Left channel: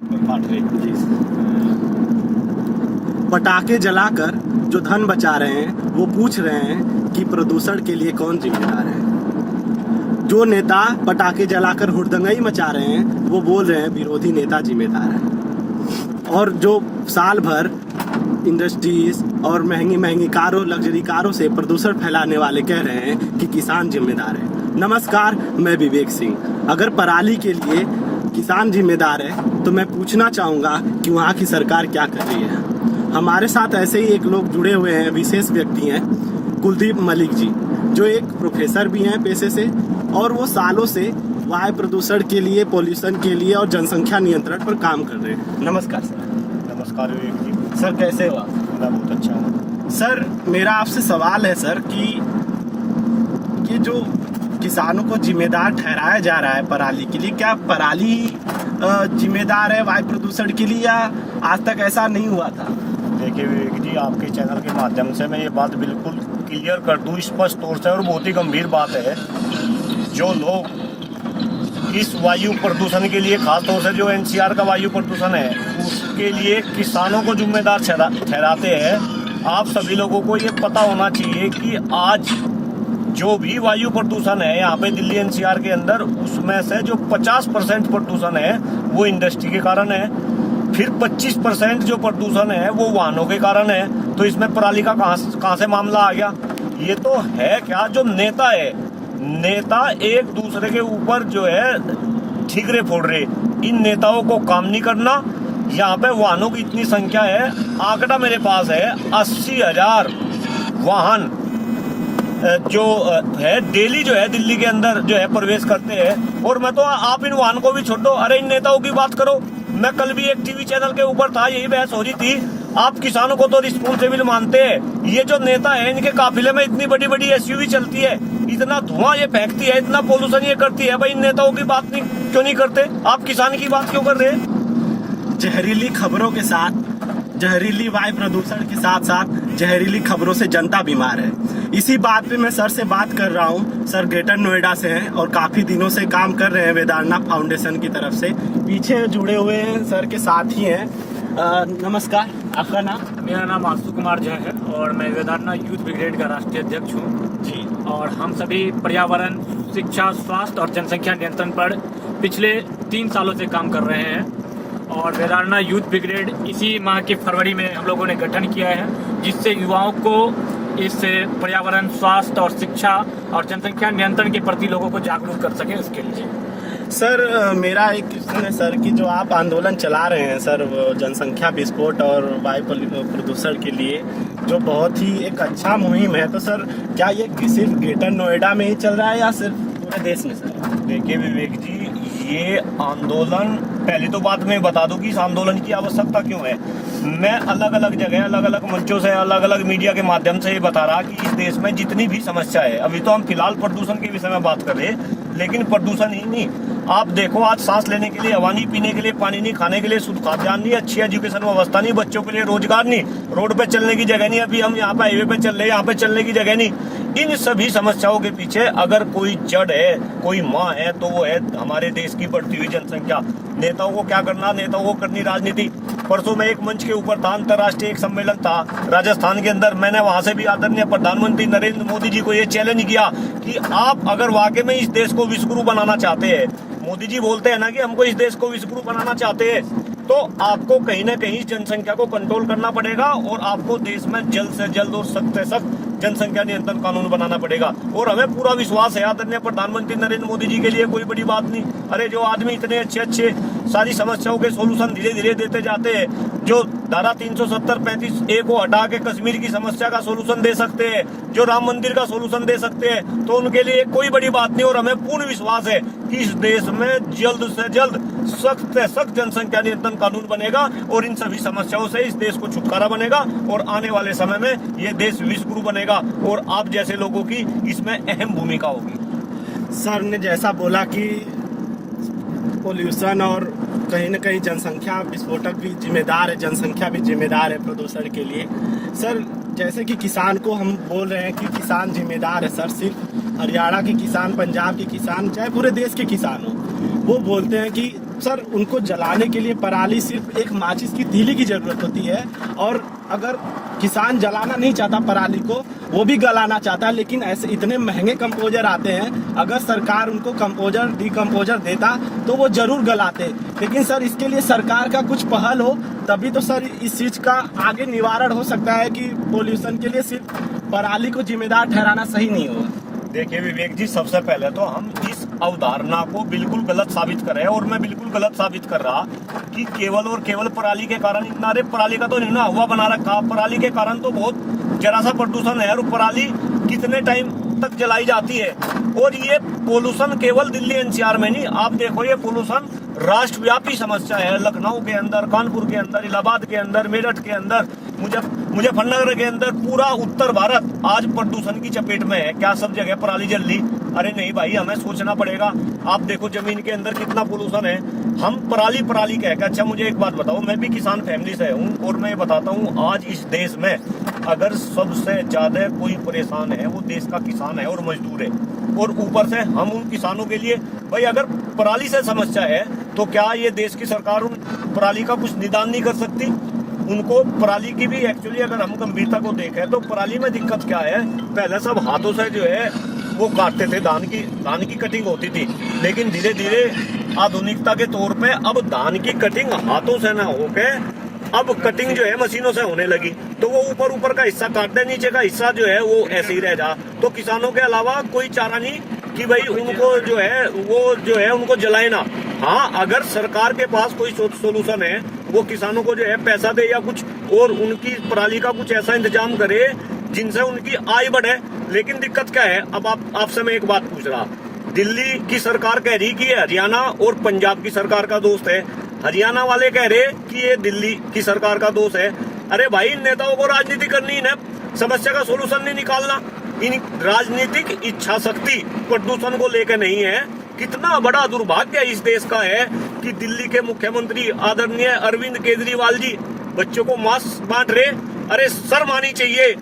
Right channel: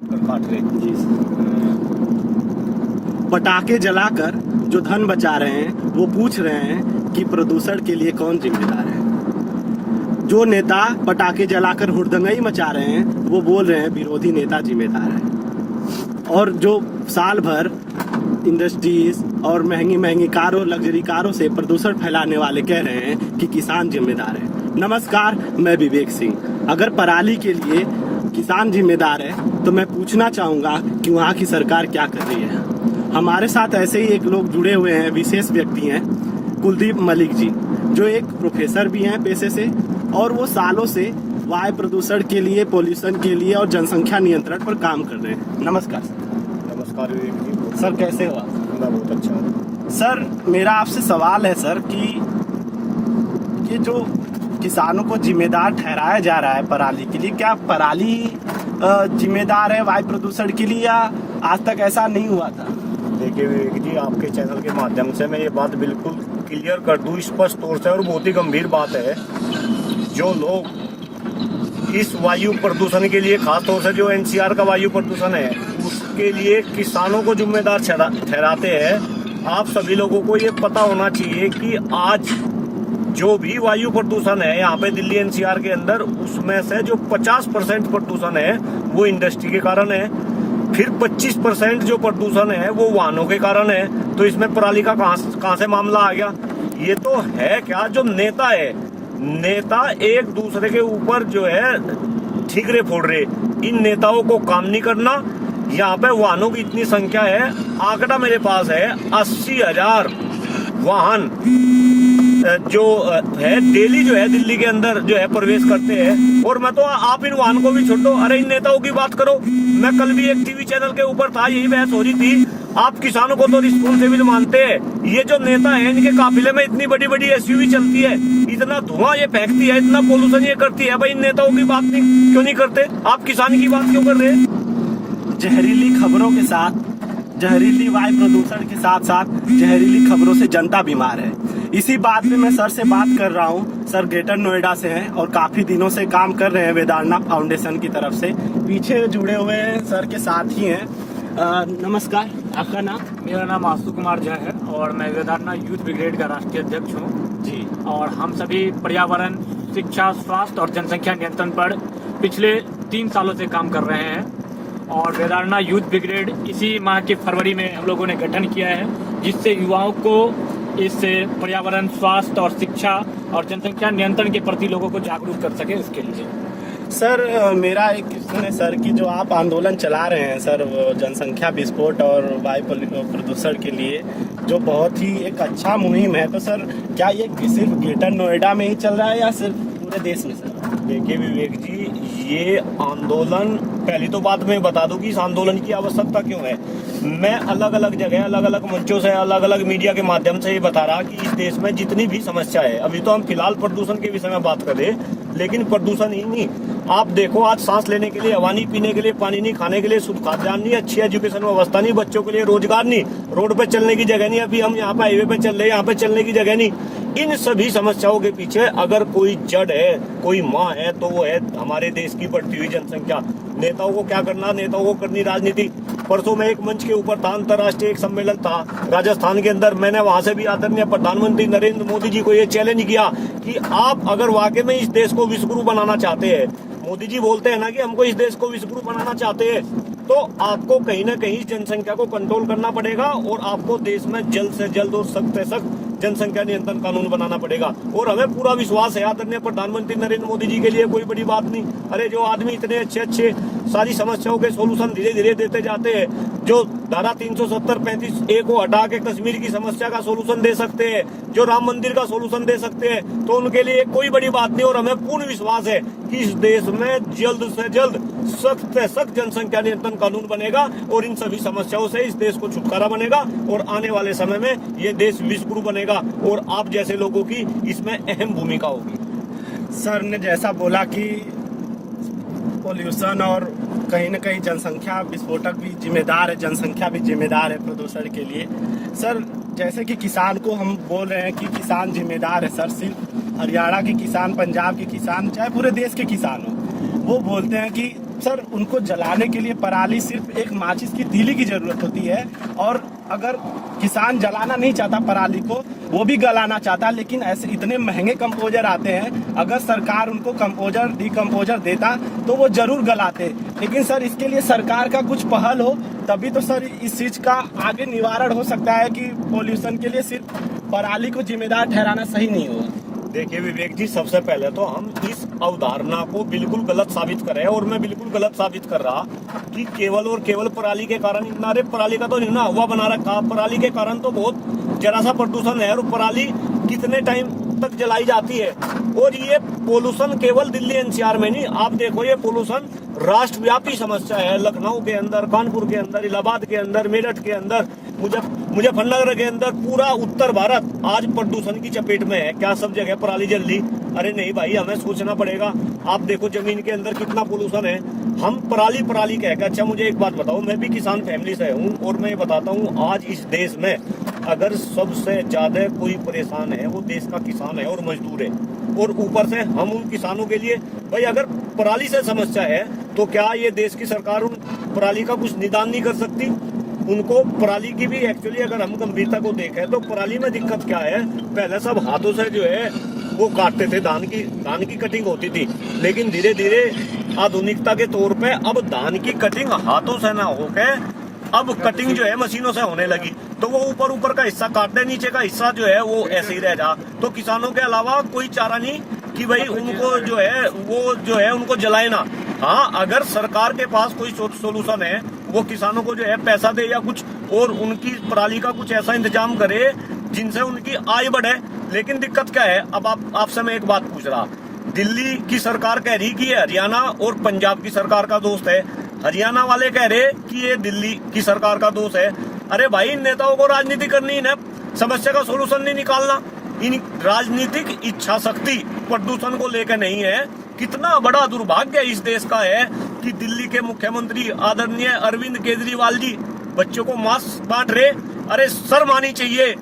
जी। पटाखे जलाकर जो धन बचा रहे हैं वो पूछ रहे हैं कि प्रदूषण के लिए कौन जिम्मेदार है। जो नेता पटाखे जलाकर हुड़दंगई मचा रहे हैं वो बोल रहे हैं विरोधी नेता जिम्मेदार है। और जो साल भर इंडस्ट्रीज और महंगी महंगी कारों, लग्जरी कारों से प्रदूषण फैलाने वाले कह रहे हैं कि किसान जिम्मेदार है। नमस्कार, मैं विवेक सिंह। अगर पराली के लिए किसान जिम्मेदार है तो मैं पूछना चाहूँगा कि वहाँ की सरकार क्या कर रही है। हमारे साथ ऐसे ही एक लोग जुड़े हुए हैं, विशेष व्यक्ति हैं, कुलदीप मलिक जी, जो एक प्रोफेसर भी हैं पेशे से, और वो सालों से वायु प्रदूषण के लिए, पोल्यूशन के लिए और जनसंख्या नियंत्रण पर काम कर रहे हैं। नमस्कार सर। नमस्कार विवेक जी। सर कैसे हो आप? मैं बहुत अच्छा हूँ। सर मेरा आपसे सवाल है सर कि ये जो किसानों को जिम्मेदार ठहराया जा रहा है पराली के लिए, क्या पराली जिम्मेदार है वायु प्रदूषण के लिए या आज तक ऐसा नहीं हुआ था? देखिए विवेक जी, आपके चैनल के माध्यम से मैं ये बात बिल्कुल क्लियर कर दूं स्पष्ट तौर से, और बहुत ही गंभीर बात है। जो लोग इस वायु प्रदूषण के लिए, खासतौर से जो एनसीआर का वायु प्रदूषण है उसके लिए किसानों को जिम्मेदार ठहराते हैं, आप सभी लोगों को ये पता होना चाहिए कि आज जो भी वायु प्रदूषण है यहाँ पे दिल्ली एनसीआर के अंदर, उसमें से जो 50% प्रदूषण है वो इंडस्ट्री के कारण है, फिर 25% जो प्रदूषण है वो वाहनों के कारण है। तो इसमें पराली का कहाँ से मामला आ गया? ये तो है क्या, जो नेता है, नेता एक दूसरे के ऊपर जो है ठिकरे फोड़ रहे। इन नेताओं को काम नहीं करना। यहाँ पे वाहनों की इतनी संख्या है, आंकड़ा मेरे पास है 80,000 वाहन जो है डेली जो है दिल्ली के अंदर जो है प्रवेश करते हैं। और मैं तो, आप इन वाहन को भी छोड़ो, अरे इन नेताओं की बात करो। मैं कल भी एक टीवी चैनल के ऊपर था, यही बहस हो रही थी। आप किसानों को तो रिस्पॉन्सिबल मानते हैं, ये जो नेता है इनके काफिले में इतनी बड़ी बड़ी एसयूवी चलती है, इतना धुआं ये फेंकती है, इतना पोल्यूशन ये करती है, भाई इन नेताओं की बात नहीं क्यों नहीं करते? आप किसान की बात क्यों कर रहे हैं? जहरीली खबरों के साथ, जहरीली वायु प्रदूषण के साथ साथ जहरीली खबरों से जनता बीमार है। इसी बात पे मैं सर से बात कर रहा हूँ। सर ग्रेटर नोएडा से हैं और काफी दिनों से काम कर रहे हैं वेदांता फाउंडेशन की तरफ से। पीछे जुड़े हुए हैं सर के साथ ही हैं। नमस्कार, आपका नाम? मेरा नाम आशु कुमार झा है और मैं वेदांता यूथ ब्रिगेड का राष्ट्रीय अध्यक्ष हूँ जी। और हम सभी पर्यावरण, शिक्षा, स्वास्थ्य और जनसंख्या नियंत्रण पर पिछले 3 सालों से काम कर रहे हैं। और वेदांता यूथ ब्रिगेड इसी माह की फरवरी में हम लोगों ने गठन किया है, जिससे युवाओं को इस पर्यावरण, स्वास्थ्य और शिक्षा और जनसंख्या नियंत्रण के प्रति लोगों को जागरूक कर सके, उसके लिए। सर मेरा एक क्वेश्चन है सर कि जो आप आंदोलन चला रहे हैं सर, जनसंख्या विस्फोट और वायु प्रदूषण के लिए, जो बहुत ही एक अच्छा मुहिम है, तो सर क्या ये सिर्फ ग्रेटर नोएडा में ही चल रहा है या सिर्फ पूरे देश में सर? देखिए विवेक जी, ये आंदोलन, पहली तो बात मैं बता दूं कि इस आंदोलन की आवश्यकता क्यों है। मैं अलग अलग जगह, अलग अलग मंचों से, अलग अलग मीडिया के माध्यम से ये बता रहा कि इस देश में जितनी भी समस्या है, अभी तो हम फिलहाल प्रदूषण के विषय में बात कर रहे हैं, लेकिन प्रदूषण ही नहीं, आप देखो आज सांस लेने के लिए हवा नहीं, पीने के लिए पानी नहीं, खाने के लिए शुद्ध खाद्यान्न नहीं, अच्छी एजुकेशन व्यवस्था नहीं, बच्चों के लिए रोजगार नहीं, रोड पे चलने की जगह नहीं, अभी हम यहाँ पे हाईवे पे चल रहे हैं, यहाँ पे चलने की जगह नहीं। इन सभी समस्याओं के पीछे अगर कोई जड़ है, कोई माँ है, तो वो है हमारे देश की बढ़ती हुई जनसंख्या। नेताओं को क्या करना? नेताओं को करनी राजनीति। परसों में एक मंच के ऊपर था, अंतर्राष्ट्रीय एक सम्मेलन था राजस्थान के अंदर, मैंने वहां से भी आदरणीय प्रधानमंत्री नरेंद्र मोदी जी को ये चैलेंज किया कि आप अगर वाकई में इस देश को विश्वगुरु बनाना चाहते हैं, मोदी जी बोलते हैं ना कि हमको इस देश को विश्वगुरु बनाना चाहते हैं, तो आपको कहीं ना कहीं जनसंख्या को कंट्रोल करना पड़ेगा और आपको देश में जल्द से जल्द और सख्त से सख्त जनसंख्या नियंत्रण कानून बनाना पड़ेगा। और हमें पूरा विश्वास है आदरणीय प्रधानमंत्री नरेंद्र मोदी जी के लिए कोई बड़ी बात नहीं। अरे जो आदमी इतने अच्छे अच्छे सारी समस्याओं के सोल्यूशन धीरे धीरे देते जाते हैं, जो धारा 370-35A को हटा के कश्मीर की समस्या का सोल्यूशन दे सकते हैं, जो राम मंदिर का सोल्यूशन दे सकते हैं, तो उनके लिए कोई बड़ी बात नहीं। और हमें पूर्ण विश्वास है कि इस देश में जल्द से जल्द सख्त से सख्त जनसंख्या नियंत्रण कानून बनेगा और इन सभी समस्याओं से इस देश को छुटकारा बनेगा और आने वाले समय में ये देश विश्वगुरु बनेगा और आप जैसे लोगों की इसमें अहम भूमिका होगी। सर ने जैसा बोला कि पोल्यूशन और कहीं न कहीं जनसंख्या विस्फोटक भी जिम्मेदार है, जनसंख्या भी जिम्मेदार है प्रदूषण के लिए। सर जैसे कि किसान को हम बोल रहे हैं कि किसान जिम्मेदार है सर, सिर्फ हरियाणा के किसान, पंजाब के किसान, चाहे पूरे देश के किसान हो, वो बोलते हैं कि सर उनको जलाने के लिए पराली सिर्फ एक माचिस की तीली की जरूरत होती है, और अगर किसान जलाना नहीं चाहता पराली को, वो भी गलाना चाहता, लेकिन ऐसे इतने महंगे कंपोजर आते हैं, अगर सरकार उनको कंपोजर डिकम्पोजर देता तो वो जरूर गलाते। लेकिन सर इसके लिए सरकार का कुछ पहल हो, तभी तो सर इस चीज का आगे निवारण हो सकता है कि पोल्यूशन के लिए सिर्फ पराली को जिम्मेदार ठहराना सही नहीं होगा। देखिए विवेक जी, सबसे पहले तो हम इस अवधारणा को बिल्कुल गलत साबित कर रहे हैं, और मैं बिल्कुल गलत साबित कर रहा कि केवल और केवल पराली के कारण इतना। अरे पराली का तो नहीं ना हुआ बना रखा, पराली के कारण तो बहुत जरा सा प्रदूषण है, और पराली कितने टाइम तक जलाई जाती है। और ये पोल्यूशन केवल दिल्ली एनसीआर में नहीं, आप देखो ये पोल्यूशन राष्ट्रव्यापी समस्या है। लखनऊ के अंदर, कानपुर के अंदर, इलाहाबाद के अंदर, मेरठ के अंदर, मुजफ्फरनगर के अंदर, पूरा उत्तर भारत आज प्रदूषण की चपेट में है। क्या सब जगह पराली जल ली? अरे नहीं भाई, हमें सोचना पड़ेगा। आप देखो जमीन के अंदर कितना पोल्यूशन है। हम पराली पराली कह के, अच्छा मुझे एक बात बताओ, मैं भी किसान फैमिली से हूँ, और मैं बताता हूँ आज इस देश में अगर सबसे ज्यादा कोई परेशान है वो देश का किसान है और मजदूर है। और ऊपर से हम उन किसानों के लिए, भाई अगर पराली से समस्या है तो क्या ये देश की सरकार उन पराली का कुछ निदान नहीं कर सकती? उनको पराली की भी एक्चुअली अगर हम गंभीरता को देखें तो पराली में दिक्कत क्या है, पहले सब हाथों से जो है वो काटते थे, धान की कटिंग होती थी। लेकिन धीरे धीरे आधुनिकता के तौर पे अब धान की कटिंग हाथों से ना होके अब कटिंग जो है मशीनों से होने लगी। तो वो ऊपर का हिस्सा काटते, नीचे का हिस्सा जो है वो ऐसे ही रह जा। तो किसानों के अलावा कोई चारा नहीं कि भाई उनको जो है वो जो है उनको जलाए ना। हाँ, अगर सरकार के पास कोई सोल्यूशन है, वो किसानों को जो है पैसा दे या कुछ और उनकी पराली का कुछ ऐसा इंतजाम करे जिनसे उनकी आय बढ़े। लेकिन दिक्कत क्या है, अब आपसे मैं एक बात पूछ रहा, दिल्ली की सरकार कह रही कि ये हरियाणा और पंजाब की सरकार का दोस्त है, हरियाणा वाले कह रहे कि ये दिल्ली की सरकार का दोस्त है। अरे भाई, इन नेताओं को राजनीति करनी है, समस्या का सोल्यूशन नहीं निकालना। इन राजनीतिक इच्छा शक्ति प्रदूषण को लेकर नहीं है। कितना बड़ा दुर्भाग्य इस देश का है कि दिल्ली के मुख्यमंत्री आदरणीय अरविंद केजरीवाल जी बच्चों को मास्क बांट रहे। अरे शर्म आनी चाहिए।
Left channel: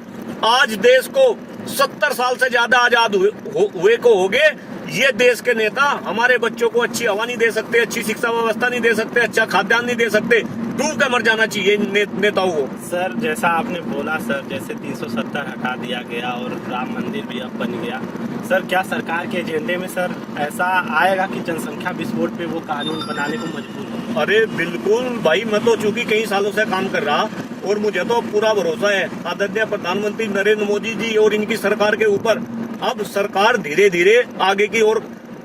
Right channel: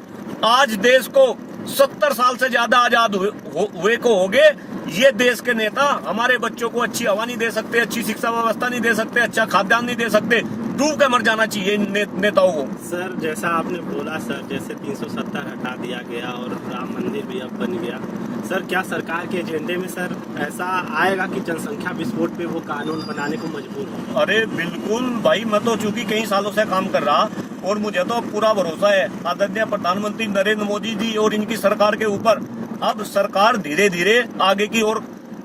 आज देश को 70 साल से ज्यादा आजाद हुए को हो गए। ये देश के नेता हमारे बच्चों को अच्छी हवा नहीं दे सकते, अच्छी शिक्षा व्यवस्था नहीं दे सकते, अच्छा खाद्यान्न नहीं दे सकते। डूब के मर जाना चाहिए नेताओं को। सर जैसा आपने बोला सर, जैसे 370 हटा दिया गया और राम मंदिर भी अब बन गया, सर क्या सरकार के एजेंडे में सर ऐसा आएगा कि जनसंख्या विस्फोट पे वो कानून बनाने को मजबूर हो? अरे बिल्कुल भाई, मैं तो चूंकि कई सालों से काम कर रहा और मुझे तो पूरा भरोसा है आदरणीय प्रधानमंत्री नरेंद्र मोदी जी और इनकी सरकार के ऊपर। अब सरकार धीरे धीरे आगे की ओर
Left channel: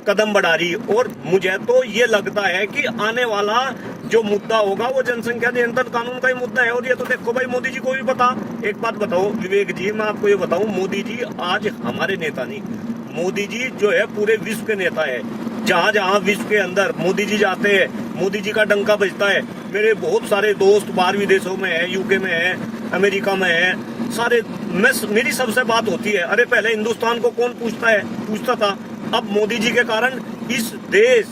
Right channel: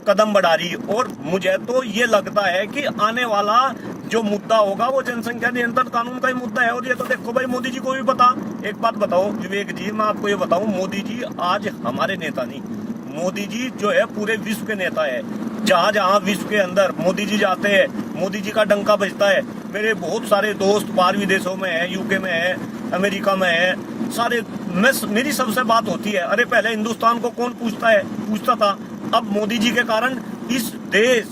कदम बढ़ा रही, और मुझे तो ये लगता है कि आने वाला जो मुद्दा होगा वो जनसंख्या नियंत्रण कानून का ही मुद्दा है। और ये तो देखो भाई, मोदी जी को भी पता। एक बात बताओ विवेक जी, मैं आपको ये बताऊं, मोदी जी आज हमारे नेता नहीं, मोदी जी जो है पूरे विश्व के नेता है। जहां जहां विश्व के अंदर मोदी जी जाते हैं, मोदी जी का डंका बजता है। मेरे बहुत सारे दोस्त बाहर विदेशों में है, यूके में है, अमेरिका में है, सारे मेरी सबसे बात होती है। अरे पहले हिंदुस्तान को कौन पूछता था, अब मोदी जी के कारण इस देश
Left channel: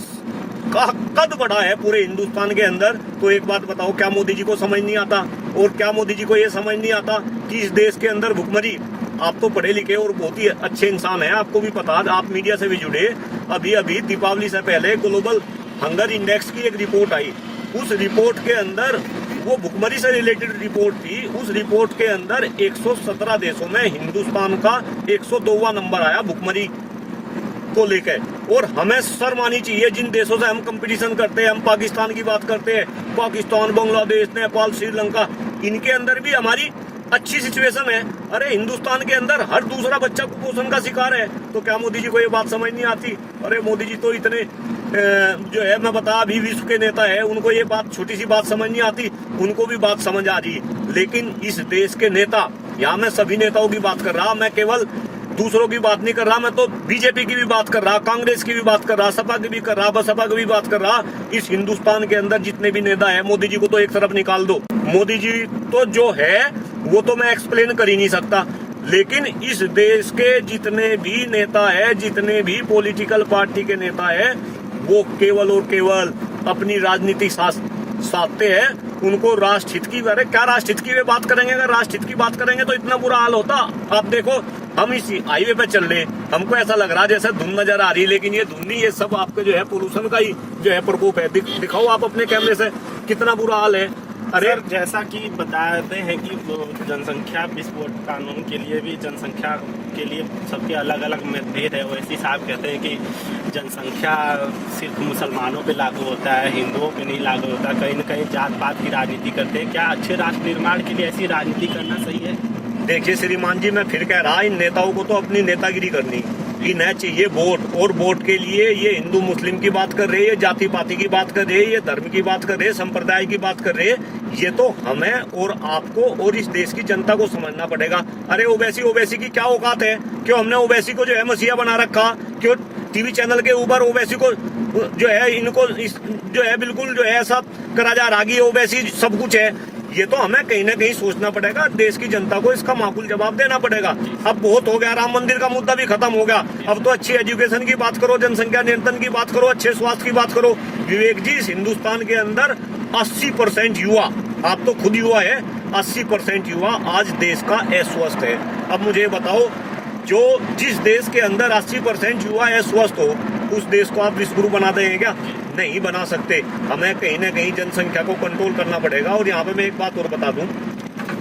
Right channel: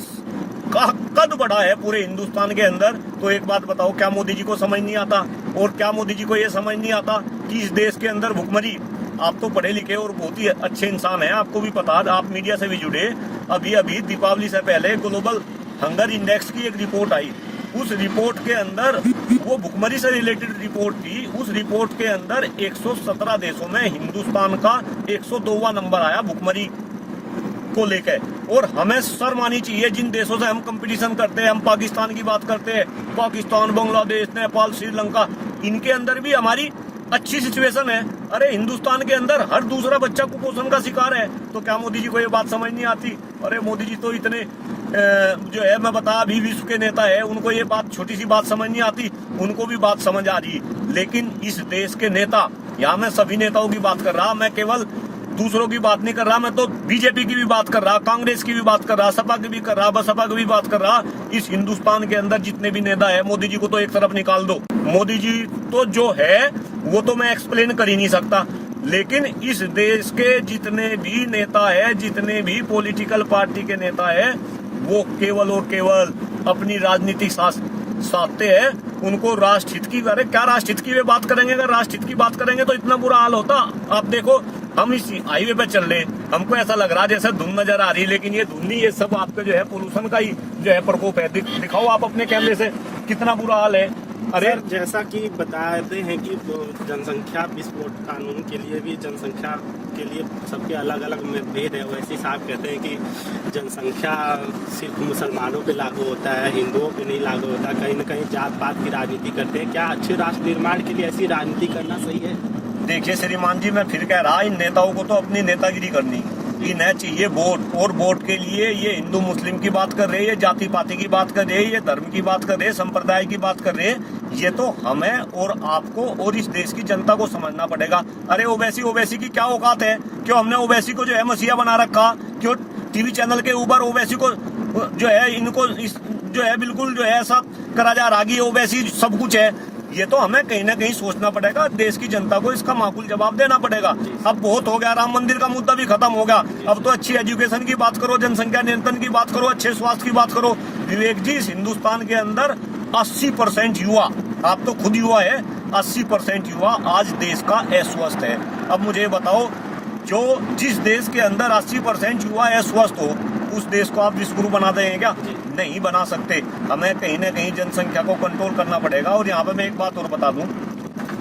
का कद बढ़ा है पूरे हिंदुस्तान के अंदर। तो एक बात बताओ, क्या मोदी जी को समझ नहीं आता? और क्या मोदी जी को ये समझ नहीं आता कि इस देश के अंदर भुखमरी, आप तो पढ़े लिखे और बहुत ही अच्छे इंसान हैं, आपको भी पता, आप मीडिया से भी जुड़े। अभी दीपावली से पहले ग्लोबल हंगर इंडेक्स की एक रिपोर्ट आई। उस रिपोर्ट के अंदर वो भुखमरी से रिलेटेड रिपोर्ट थी। उस रिपोर्ट के अंदर 117 देशों में हिंदुस्तान का 102वां नंबर आया भुखमरी को लेकर। और हमें शर्म आनी चाहिए, जिन देशों से हम कंपटीशन करते हैं, हम पाकिस्तान की बात करते हैं, पाकिस्तान, बांग्लादेश, नेपाल, श्रीलंका, इनके अंदर भी हमारी अच्छी सिचुएशन है। अरे हिंदुस्तान के अंदर हर दूसरा बच्चा कुपोषण का शिकार है। तो क्या मोदी जी को ये बात समझ नहीं आती? अरे मोदी जी तो इतने जो है, मैं बता, अभी विश्व के नेता है, उनको ये बात, छोटी सी बात समझ नहीं आती, उनको भी बात समझ आ रही। लेकिन इस देश के नेता, यहाँ मैं सभी नेताओं की बात कर रहा, मैं केवल दूसरों की बात नहीं कर रहा, मैं तो बीजेपी की भी बात कर रहा, कांग्रेस की भी बात कर रहा, सपा की भी कर रहा, बसपा की भी बात कर रहा। इस हिंदुस्तान के अंदर जितने भी नेता है, मोदी जी को तो एक तरफ निकाल दो। मोदी जी तो जो है वो तो मैं एक्सप्लेन कर ही नहीं सकता। लेकिन इस देश के जितने भी नेता है, जितने भी पॉलिटिकल पार्टी के नेता है, वो केवल और केवल अपनी राजनीति साधते हैं। उनको राष्ट्रहित की, अरे क्या राष्ट्रहित की वे बात करेंगे? अगर राष्ट्रहित की बात करेंगे तो इतना बुरा हाल होता। आप देखो हम इस हाईवे पे चल रहे, हमको ऐसा लग रहा है जैसे धुंध नजर आ रही है, लेकिन ये धुंध नहीं, ये सब आपके जो है पोल्यूशन का ही जो है प्रकोप है। दिखाओ आप अपने कैमरे से कितना बुरा हाल है। अरे सर, जैसा कि बताते हैं कि जनसंख्या विस्फोट कानून के लिए भी जनसंख्या के लिए सबके अलग अलग मतभेद है। वैसे साहब कहते हैं कि जनसंख्या सिर्फ मुसलमानों पे लागू होता है, हिंदुओं पे नहीं लागू होता। कहीं न कहीं जात पात की राजनीति करते हैं। क्या अच्छे राष्ट्र निर्माण के लिए ऐसी राजनीति करना सही है? देखिए श्रीमान जी, मैं फिर कह रहा, इन नेताओं को तो अपनी नेतागिरी करनी, इन्हें चाहिए वोट, और वोट के लिए ये हिंदू मुस्लिम की बात कर रहे हैं, ये जाति पाति की बात कर रहे हैं, ये धर्म की बात कर रहे हैं, संप्रदाय की बात कर रहे हैं। ये तो हमें और आपको और इस देश की जनता को समझना पड़ेगा। अरे ओवैसी की क्या औकात है? क्यों हमने ओवैसी को जो है मसीहा बना रखा? क्यों टीवी चैनल के ऊपर ओवैसी को जो है, इनको जो है बिल्कुल जो है ऐसा करा जा रहा कि ओवैसी सब कुछ है? ये तो हमें कहीं ना कहीं सोचना पड़ेगा, देश की जनता को इसका माकूल जवाब देना पड़ेगा। अब बहुत हो गया, राम मंदिर का मुद्दा भी खत्म हो गया, अब तो अच्छी एजुकेशन की बात करो, जनसंख्या नियंत्रण की बात करो, अच्छे स्वास्थ्य की बात करो। विवेक जी, इस हिंदुस्तान के अंदर 80% युवा, आप तो खुद युवा है, 80% युवा आज देश का अस्वस्थ है। अब मुझे बताओ, जो जिस देश के अंदर 80% युवा अस्वस्थ हो, उस देश को आप विश्वगुरु बना देंगे क्या? नहीं बना सकते। हमें कहीं ना कहीं जनसंख्या को कंट्रोल करना पड़ेगा। और यहाँ पे मैं एक बात और बता दूं,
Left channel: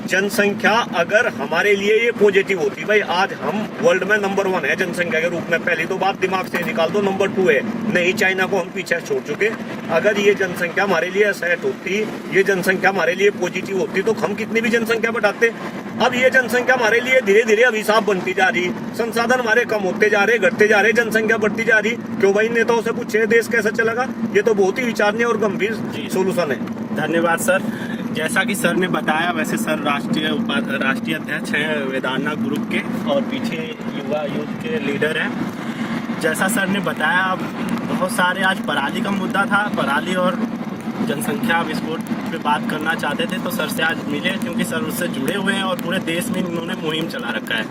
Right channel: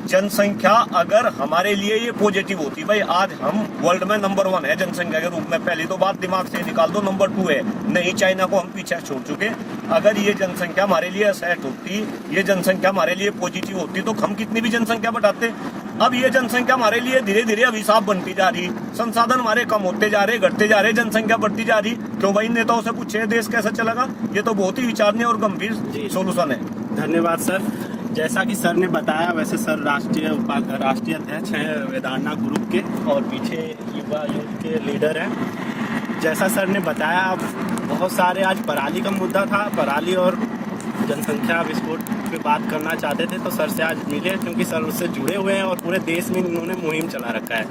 जनसंख्या अगर हमारे लिए ये पॉजिटिव होती, भाई आज हम वर्ल्ड में नंबर 1 है जनसंख्या के रूप में, पहली तो बात दिमाग से निकाल दो, नंबर 2 है, नहीं चाइना को हम पीछे छोड़ चुके। अगर ये जनसंख्या हमारे लिए सेट होती, ये जनसंख्या हमारे लिए पॉजिटिव होती, तो हम कितनी भी जनसंख्या बढ़ाते। अब ये जनसंख्या हमारे लिए धीरे धीरे अभिशाप बनती जा रही, संसाधन हमारे कम होते जा रहे, घटते जा रहे, जनसंख्या बढ़ती जा रही। क्यों भाई नेताओं से पूछे देश कैसा चलेगा? ये तो बहुत ही विचारणीय और गंभीर सोल्यूशन है। धन्यवाद सर। जैसा कि सर ने बताया, वैसे सर राष्ट्रीय अध्यक्ष हैं वेदांना ग्रुप के, और पीछे युवा यूथ के लीडर हैं। जैसा सर ने बताया, बहुत सारे आज पराली का मुद्दा था, पराली और जनसंख्या विस्फोट पे बात करना चाहते थे, तो सर से आज मिले क्योंकि सर उससे जुड़े हुए हैं और पूरे देश में इन्होंने मुहिम चला रखा है।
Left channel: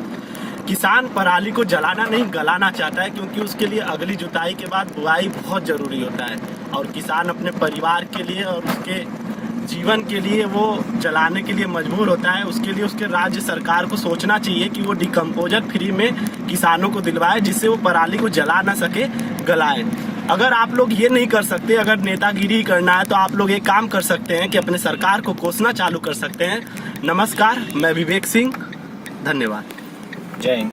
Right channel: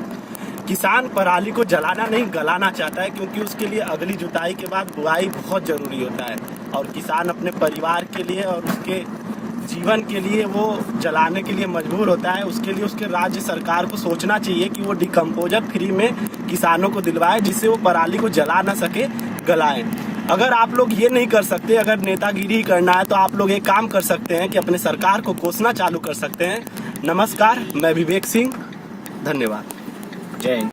किसान पराली को जलाना नहीं, गलाना चाहता है, क्योंकि उसके लिए अगली जुताई के बाद बुआई बहुत जरूरी होता है, और किसान अपने परिवार के लिए और उसके जीवन के लिए वो जलाने के लिए मजबूर होता है। उसके लिए उसके राज्य सरकार को सोचना चाहिए कि वो डिकम्पोजर फ्री में किसानों को दिलवाए, जिससे वो पराली को जला ना सके, गलाए। अगर आप लोग ये नहीं कर सकते, अगर नेतागिरी करना है, तो आप लोग एक काम कर सकते हैं कि अपने सरकार को कोसना चालू कर सकते हैं। नमस्कार, मैं विवेक सिंह, धन्यवाद, जय हिंद।